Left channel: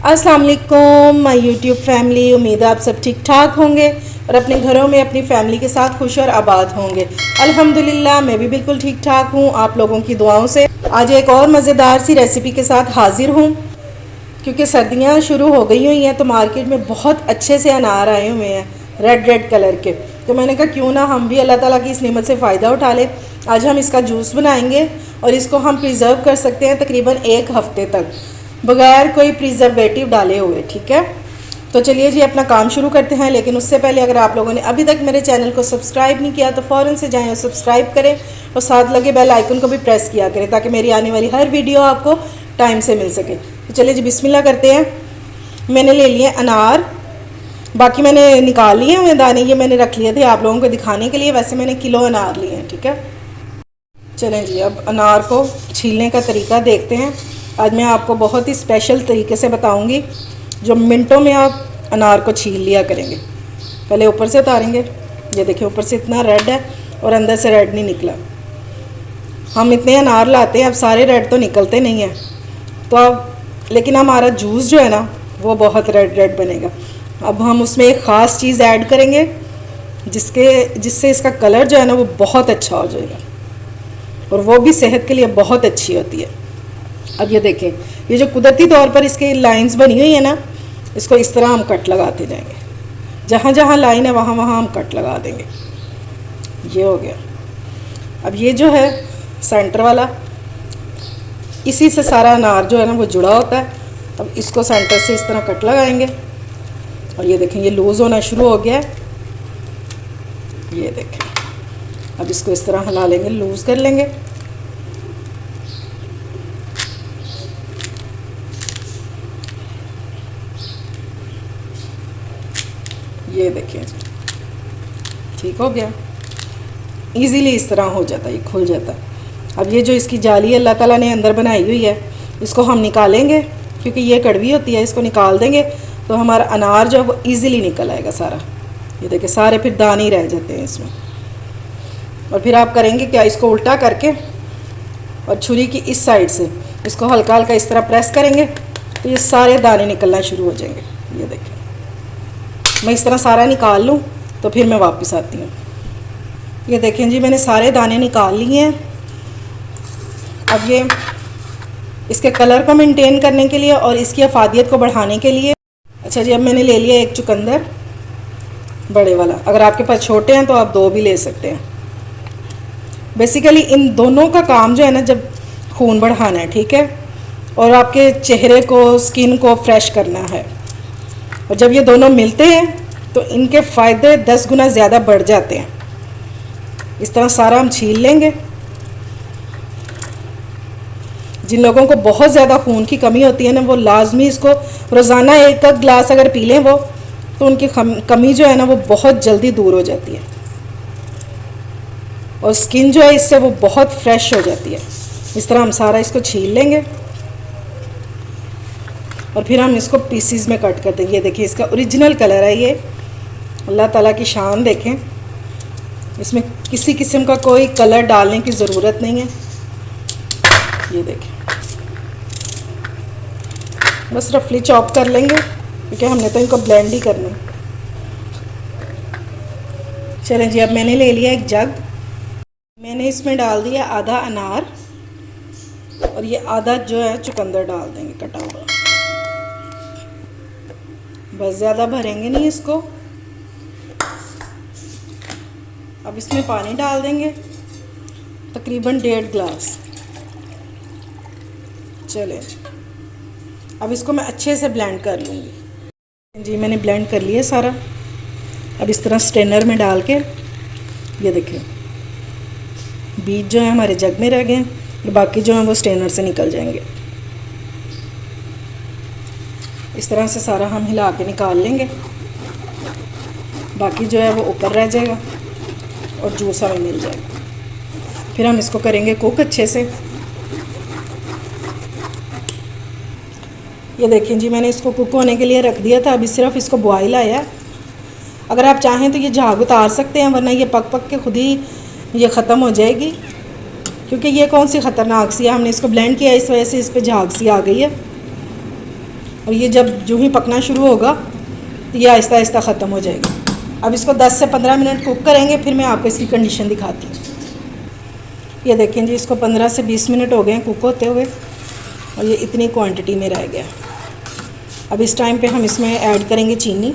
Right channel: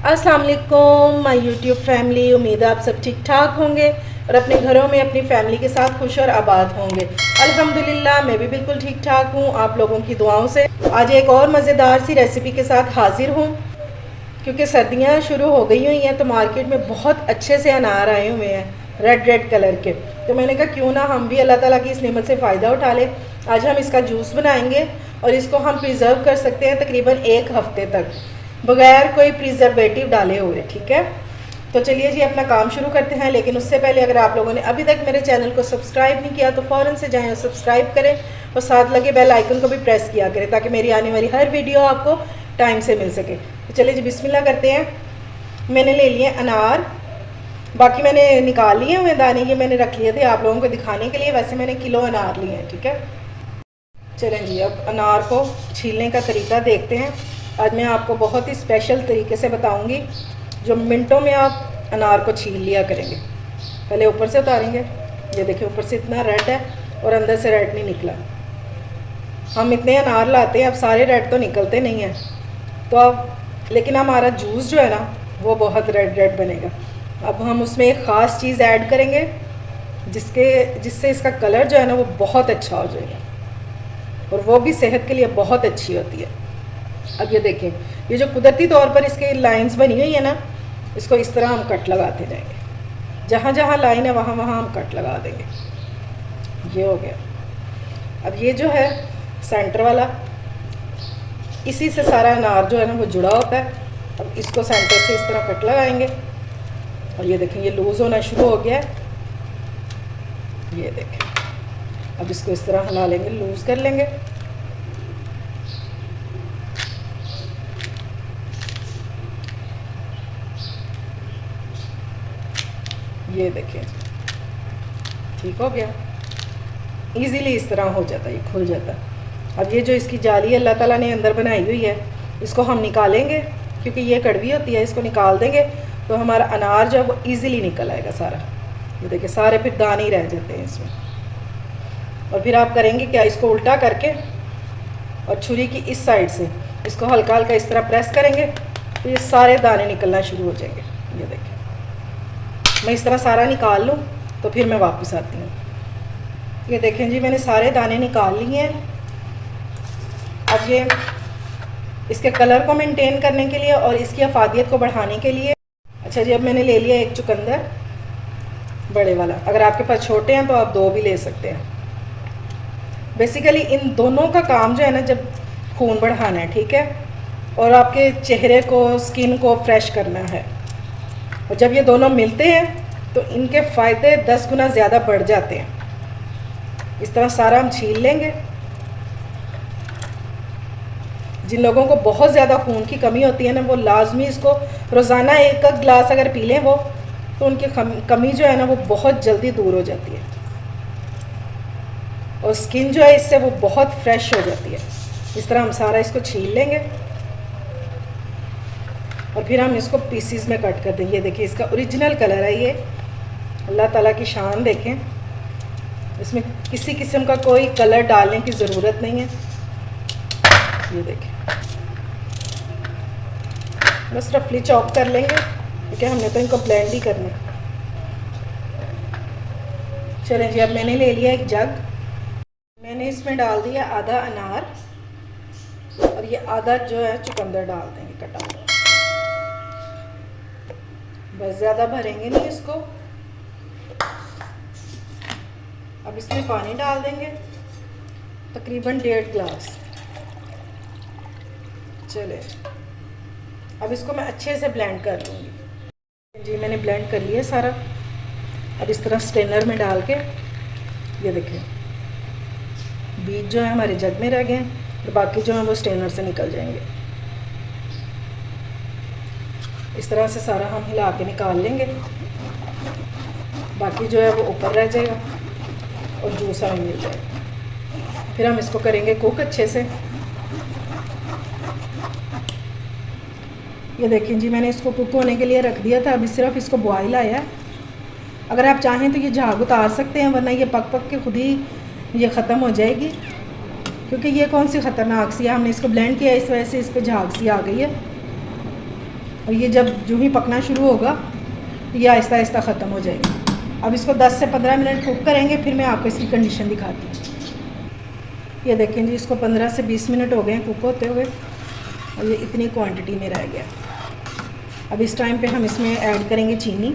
अस्सलाम वालेकुम my YouTube family. उम्मीद है आप सब ठीक ठाक होंगे और अपने घरों में अपनी फैमिली के साथ खुश और आबाद होंगे। अल्हम्दुलिल्लाह मैं भी बिल्कुल ठीक ठाक हूँ आप लोगों की दुआओं से। आज एक और मज़ेदार सी रेसिपी के साथ हाजिर हूँ। क्योंकि सर्दियाँ शुरू हो गई हुई हैं तो मार्केट में बहुत अच्छे से अनार आए हुए हैं रेड रेड कलर के। तो मैंने कहा क्यों ना हम भी अल्लाह ताला की इस नेमत से फ़ायदा उठा लें। आज हम इसका जूस बनाएंगे और इसको हम प्रिज़र्व कर सकते हैं तकरीबन 1 हफ़्ते तक बग़ैर कोई प्रिजर्वेटिव डाले हुए। ठीक है, तो चलिए जी अपना काम शुरू करते हैं। लेकिन उससे पहले अगर आप लोगों ने अभी तक मेरे चैनल को सब्सक्राइब नहीं किया तो फ़ौरन से जाएं और सब्सक्राइब करें और साथ लगे बेल आइकन को भी प्रेस किया करें ताकि मेरी आने वाली हर वीडियो आपको टाइम से मिल सके। तो चलिए जी बिस्मिल्लाह करते हैं। मैंने ले लिए अनार, बाकी मैंने निकाल लिए हुए दाने, ये मैंने रख लिए थे आप लोगों को दिखाने के लिए। वैसे मैंने किलो अनार लिए हैं। ठीक है, चलें जी अब अनार को छीलने का तरीका देखते हैं। आज मैं आपको बहुत ही स्पेशल तरीके से बताऊंगी जो मिनटों में आप अनार को छील लिया करेंगे। पहले ऊपर से उतारेंगे, ये देखिए ऊपर से इतना रेड है और अंदर से रेड नहीं निकला। हम इतने अनार लाते हैं, अब सारे रेड तो निकलते नहीं हैं तो अब, लेकिन हमारा जूस जो है ना वो बहुत रेड रेड बनेगा। अब हम उसमें एक ख़ास चीज़ ऐड करेंगे जिससे इसका कलर जो है ना वो बहुत अच्छा हो जाएगा और वो भी सेहत के लिए बहुत अच्छी होती है। अब ये देखें, ये जो कुदरती तौर पर इसकी लाइंस बनी हुई है ना, इसको इस तरह हम कट लगाते जाएंगे। जहाँ जहाँ लाइन है वहाँ वहाँ हम कट लगा देंगे। ये हो गया। अब ये जो है सेंटर वाला, इसी से सारा अनार जो है ना वो जुड़ा होता है। अब इसको सेंटर से इस तरह कट लगाएंगे और ये देखें ये लूज़ होना शुरू हो गया है। ये देखें, अब इसको इस तरह हिला लेंगे, लूज़ कर लेंगे। ये देखिए ठीक हो गया, इजीली इस तरह हो जाता है, ये खुल जाता है। अब ये जो इसकी जाली अल्लाह ताला ने अंदर बनाई हुई है इसको हम निकालेंगे क्योंकि ये कड़वी होती है। इसको निकाल देंगे तो हमारा अनार जो है वो ईज़िली निकल आएगा सारा। ये देखिए सारे फिर दाने ही रह जाते हैं इसमें। और फिर आप करेंगे क्या, इसको उल्टा करके और छुरी की इस साइड से इसको हल्का हल्का इस तरह प्रेस करेंगे तो ये सारे दाने निकलना शुरू हो जाएंगे। ये देखिए मैं इस तरह सारा निकाल लूँ तो फिर मैं वापस आती हूँ। ये देखें जी मैंने सारे दाने निकाल लिए हैं। अब ये इसके कलर को मेंटेन करने के लिए और इसकी अफादियत को बढ़ाने के लिए, अच्छा जी अब मैंने ले लिया एक चुकंदर बड़े वाला। अगर आपके पास छोटे हैं तो आप 2 भी ले सकते हैं। बेसिकली इन दोनों का काम जो है ना, जब खून बढ़ाना है, ठीक है, और आपके चेहरे को, स्किन को फ्रेश करना है। और जब ये दोनों मिलते हैं तो इनके फ़ायदे 10 गुना ज़्यादा बढ़ जाते हैं। इस तरह सारा हम छील लेंगे। जिन लोगों को बहुत ज़्यादा खून की कमी होती है ना वो लाजमी इसको रोज़ाना 1 गिलास अगर पी लें वो, तो उनकी कमी जो है ना वो बहुत जल्दी दूर हो जाती है और स्किन जो है इससे वो बहुत फ्रेश हो जाती है। इस तरह हम सारा इसको छील लेंगे और फिर हम इसको पीसीज में कट कर देंगे। ये देखिए इसका ओरिजिनल कलर है ये, अल्लाह ताला की शान देखें। इसमें किसी किस्म का कोई कलर डालने की ज़रूरत नहीं है। ये देखें बस रफली चॉप कर लेंगे क्योंकि हमने तो इनको ब्लेंड ही करने। चलें जी अब मैंने ले लिया एक जग, मैंने इसमें डाल दिया आधा अनार और ये आधा जो है चुकंदर डाल देंगे कटा हुआ। बस ज़्यादा भरेंगे नहीं इसको। अब इसमें पानी डाल देंगे तकरीबन 1.5 गिलास। चले अब इसको मैं अच्छे से ब्लेंड कर लूँगी। जी मैंने ब्लेंड कर लिया सारा। अब इस तरह स्ट्रेनर में डाल के, ये देखिए बीज जो है हमारे जग में रह गए और बाकी जो है वो स्ट्रेनर से निकल जाएंगे। इस तरह से सारा हम हिला के निकाल लेंगे, बाकी जो है वो ऊपर रह जाएगा और जूस हमें मिल जाएगा। फिर हम इसको करेंगे कुक अच्छे से। ये देखें जी मैंने इसको कुक होने के लिए रख दिया था, अभी सिर्फ इसको बॉयल आया। अगर आप चाहें तो ये झाग उतार सकते हैं, वरना ये पक पक के खुद ही ये ख़त्म हो जाएगी। क्योंकि ये कौन सी ख़तरनाक सी है, हमने इसको ब्लेंड किया इस वजह से इस पर झाग सी आ गई है। और ये जब जो ही पकना शुरू होगा तो ये आहिस्ता आहिस्ता ख़त्म हो जाएगा। अब इसको 10 से 15 मिनट कुक करेंगे, फिर मैं आपको इसकी कंडीशन दिखाती हूँ। ये देखें जी, इसको 15 से 20 मिनट हो गए हैं कुक होते हुए और ये इतनी क्वांटिटी में रह गया। अब इस टाइम पे हम इसमें ऐड करेंगे चीनी।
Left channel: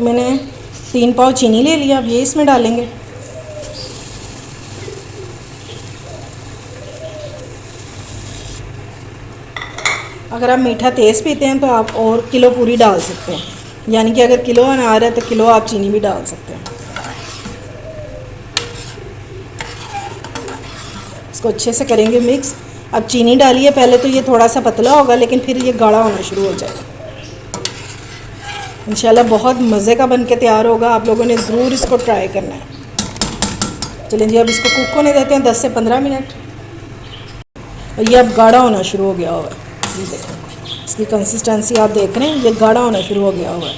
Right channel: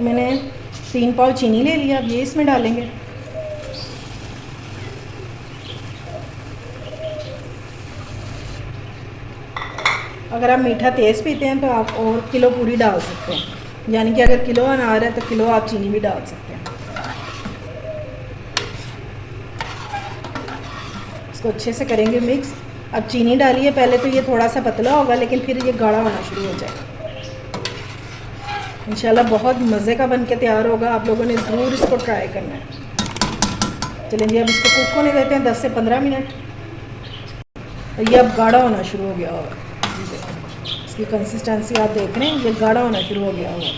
मैंने 3 पाव चीनी ले लिया, अब ये इसमें डालेंगे। अगर आप मीठा तेज़ पीते हैं तो आप और किलो पूरी डाल सकते हैं, यानी कि अगर किलो अनार है तो किलो आप चीनी भी डाल सकते हैं। इसको अच्छे से करेंगे मिक्स। अब चीनी डालिए, पहले तो ये थोड़ा सा पतला होगा लेकिन फिर ये गाढ़ा होना शुरू हो जाएगा। इंशाल्लाह बहुत मज़े का बन के तैयार होगा, आप लोगों ने ज़रूर इसको ट्राई करना है। चलिए जी, अब इसको कुक होने देते हैं 10 से 15 मिनट। और ये अब गाढ़ा होना शुरू हो गया होगा। ये देखो, इसकी कंसिस्टेंसी आप देख रहे हैं, ये गाढ़ा होना शुरू हो गया होगा।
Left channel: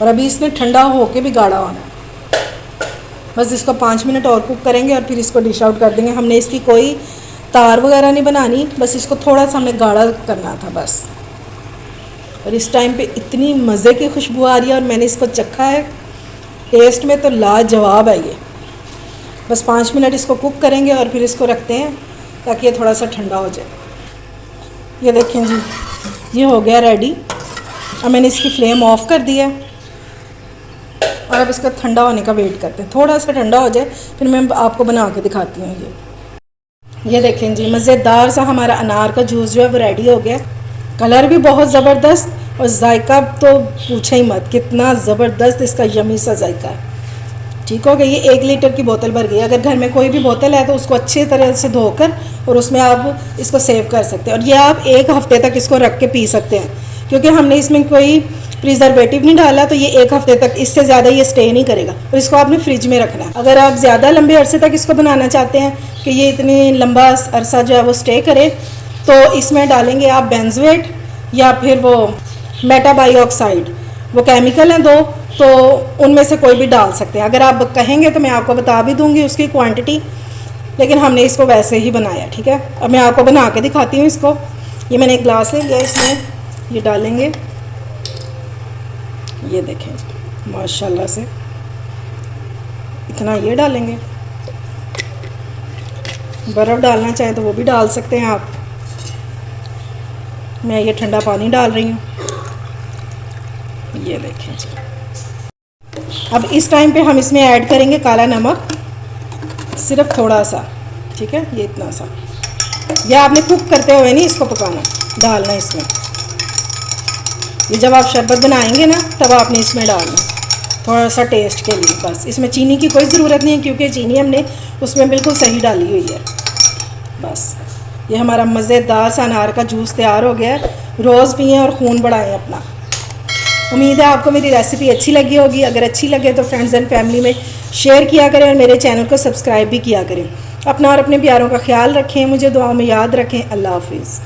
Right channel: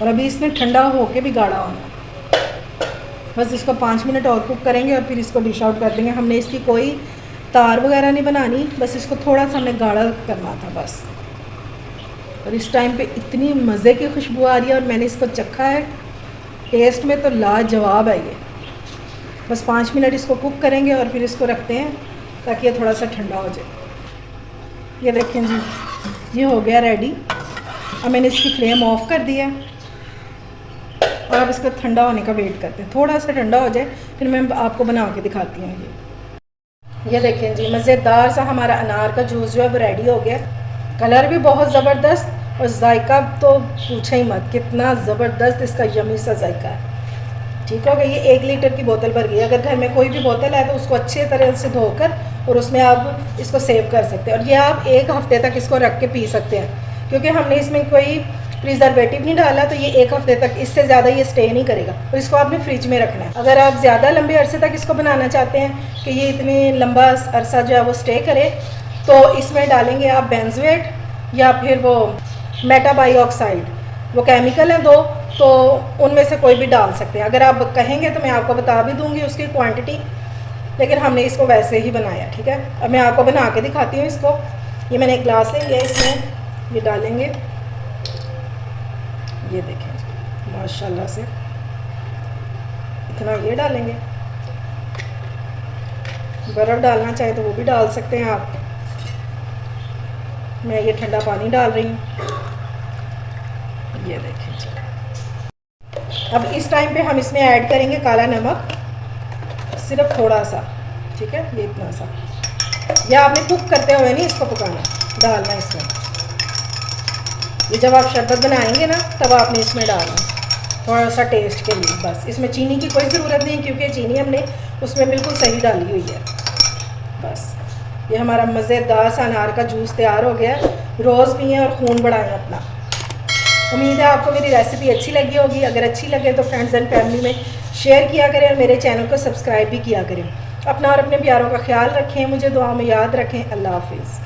और अभी इसने ठंडा होके भी गाढ़ा होना। बस इसको 5 मिनट और कुक करेंगे और फिर इसको डिश आउट कर देंगे। हमने इसकी कोई तार वगैरह नहीं बनानी, बस इसको थोड़ा सा हमने गाढ़ा करना था बस। और इस टाइम पे इतनी मज़े की खुशबू आ रही है और मैंने इसको चखा है, टेस्ट में तो लाजवाब है ये। बस 5 मिनट इसको कुक करेंगे और फिर इसको रखते हैं ताकि ये थोड़ा सा ठंडा हो जाए। ये देखें जी, ये हो गया रेडी। अब मैंने इसकी फ्लेम ऑफ कर दी है और अब इसका ठंडा होने का वेट करते हैं। थोड़ा सा ठंडा हो जाए फिर मैं आपको बना के दिखाती हूँ। ये देखें जी, मज़ेदार सा हमारा अनार का जूस जो है वो रेडी हो गया। कलर भी बहुत ज़बरदस्त और जायका तो पूछे ही मत, कितना ज़बरदस्त इसका यमी सा जायका है। ठीक हो गया। ये 1 लीटर की बोतल भर गई। अगर घर में कोई भी बोतल है तो उसको अच्छे तरह से धोकर और उसमें आप इसको सेव कर सकते हैं। और ये आप 1 हफ़्ते तक इसको रख के पी सकते हैं, क्योंकि हमने इसमें कोई प्रिजर्वेटिव नहीं डाला, तो ये 1 हफ़्ते तक, इससे ज़्यादा ये स्टे नहीं करेगा। और इसको आपने फ्रिज में रखना है। अगर आप ज़्यादा लंबे अरसे तक इसको बनाना चाहते हैं कि ये इतनी लंबा अरसा जो है वो स्टे करे, तो इसमें डालेंगे आप बेंजोएट या फिर वो मेटाबायोक्साइड, वो केमिकल हैं 2, तो उनमें से कोई भी डाल सकते हैं। अगर आप कहेंगे तो मैं आपको बता भी दूंगी उसकी क्वांटिटी, लेकिन हमने इसको वैसे ही बनाया। ठीक है, अब मैं आपको बना के दिखाती हूँ इसको। ये मैंने एक ग्लास ले लिया, इसमें ये डालेंगे। ये देखें माशाल्लाह से इतना ये डालेंगे। बर्फ़ डालना चाहें तो वो भी डाल सकते हैं आप। मैं ये ठंडा पानी डाल रही हूँ। ये देखें। अब इस टाइम पे हम इसमें ऐड करेंगे काला नमक, सिर्फ थोड़ा सा। ठीक है, ये इतना सा। यह आपने कुक करते हुए नहीं इसको पकाना, डालना इसमें। ये जब आप शरबत बनाएंगे ना तब आपने इसमें डालना, थोड़ा सा टेस्ट के लिए बस। इसमें चीनी की कोई ज़रूरत नहीं है, क्योंकि चीनी हमने उसमें बिल्कुल सही डाली हुई है। बस ये हमारा मज़ेदार सा अनार का जूस तैयार हो गया है। रोज़ पिएं और खून बढ़ाएं अपना। उम्मीद है आपको मेरी रेसिपी अच्छी लगी होगी। अगर अच्छी लगे तो फ्रेंड्स एंड फैमिली में शेयर किया करें और मेरे चैनल को सब्सक्राइब भी किया करें। अपना और अपने प्यारों का ख्याल रखें, मुझे दुआओं में याद रखें। अल्लाह हाफिज़।